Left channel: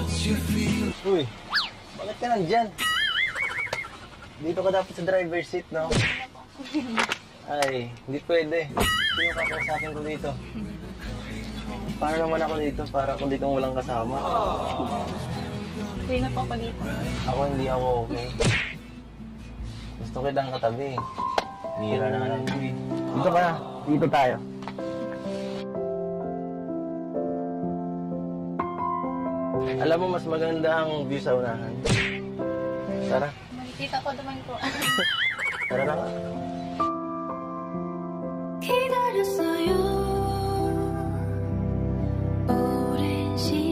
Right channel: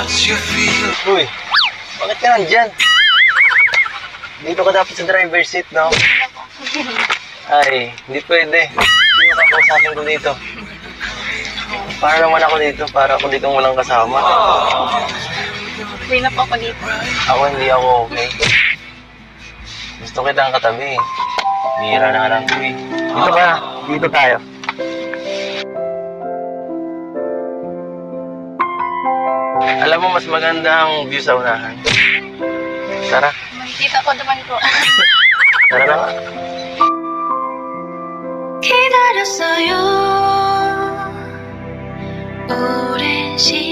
Uy, bakit ka nandyan? Dito ka dapat sa driver's seat, no? Ay, hindi pwede. Sino ka kausapin ko dito? Para naman ako dito, para ako dito walang kasama. Okay na po ako dito. Ako hindi ako okay. Gusto kitang katabi. Bihira na lang ko eh. Dito ka, dito tayo. Alam mo, mas maganda ang view sa unahan. Tara, Makikita ko naman po. tara na. 기다렸어요 오랜 시간